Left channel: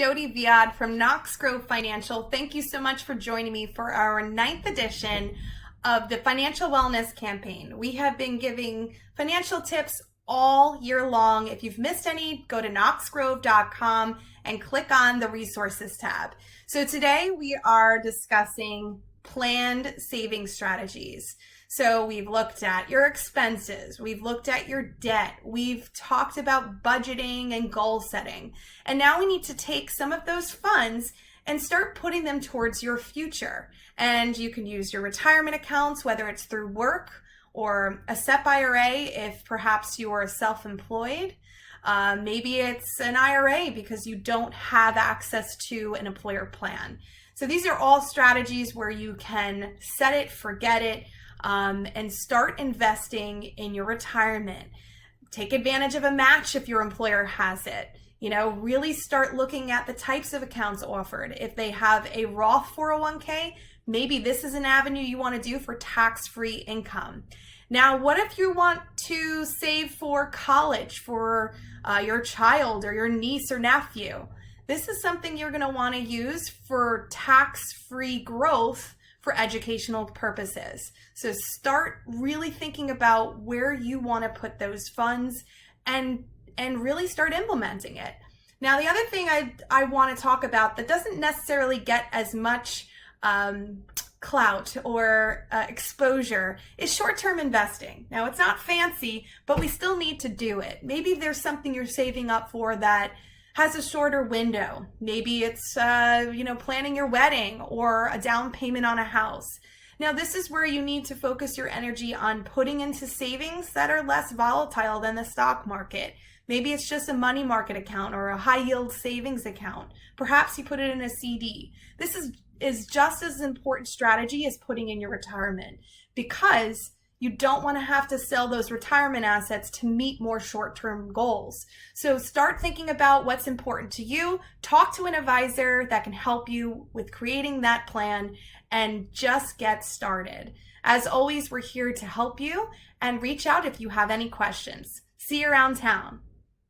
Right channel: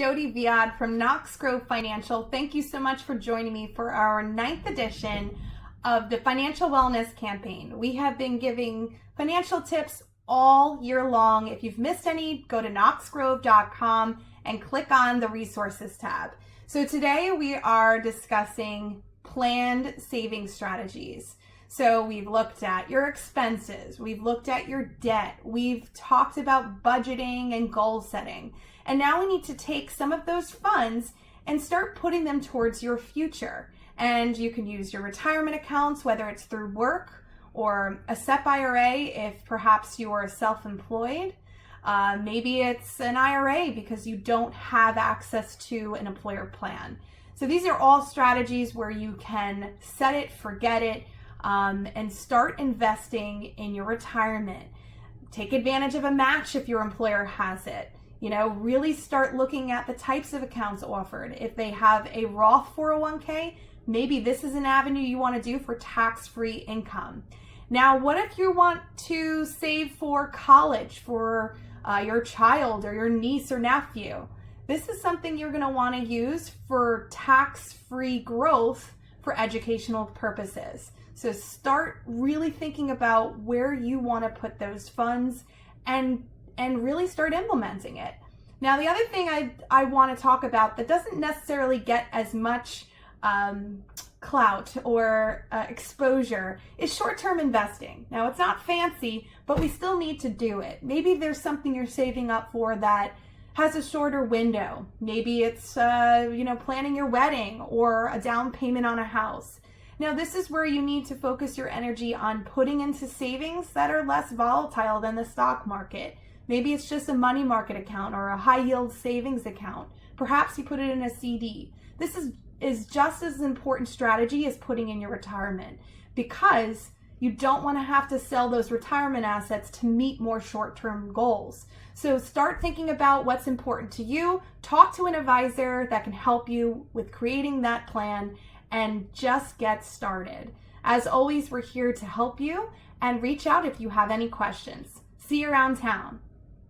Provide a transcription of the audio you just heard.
Jody Viad from Knox Grove Financial. Thank you so much for joining me for our 9th edition of the Financial Wellness Campaign. We have been giving financial tips all year long. If you've missed any, go to knoxgrove.com and click on the resources tab. So today we are discussing planned saving strategies. So we've looked at your expenses, we've looked at your debt, we've talked about budgeting and goal setting. And now we need to take some of those funds and start putting them towards your future. And you can use your retirement accounts, whether it's through work or a SEP IRA if perhaps you're self-employed. Maybe it's an IRA because you don't have access to an employer plan. So these are all strategies where you can set it, forget it, and start investing in your retirement. Take advantage of a match if your employer has it. Really start looking at the types of accounts offered. If they have a Roth 401k, maybe this is an avenue you want to do for tax-free income. Now, what if you want to save for college for your child or your niece or nephew? This is something you're going to want to use for tax-free growth for educational purposes. So start really thinking about where you want to put those funds and really start implementing it. Now, the other thing I want to talk about that doesn't necessarily get as much clout or exposure is short-term investing. Now, it's not fancy, but we still need to do it. Maybe there's something you're saving up for that has a shorter window. Maybe it's planning your wedding or a down payment on a house. Now, this is where you need to focus your energy on putting into savings that are less volatile than the stock market. Maybe it's just a money market account or a high yield savings account. Perhaps you put it in a CD. This is just as important strategy as putting in your retirement, because you don't want to have to sell those retirement assets to meet more short-term goals. So start thinking about what's important to you. Talk to an advisor that can help you with creating that plan and just get started. As always, we're here to help you, and reach out if you have any questions. See you around town.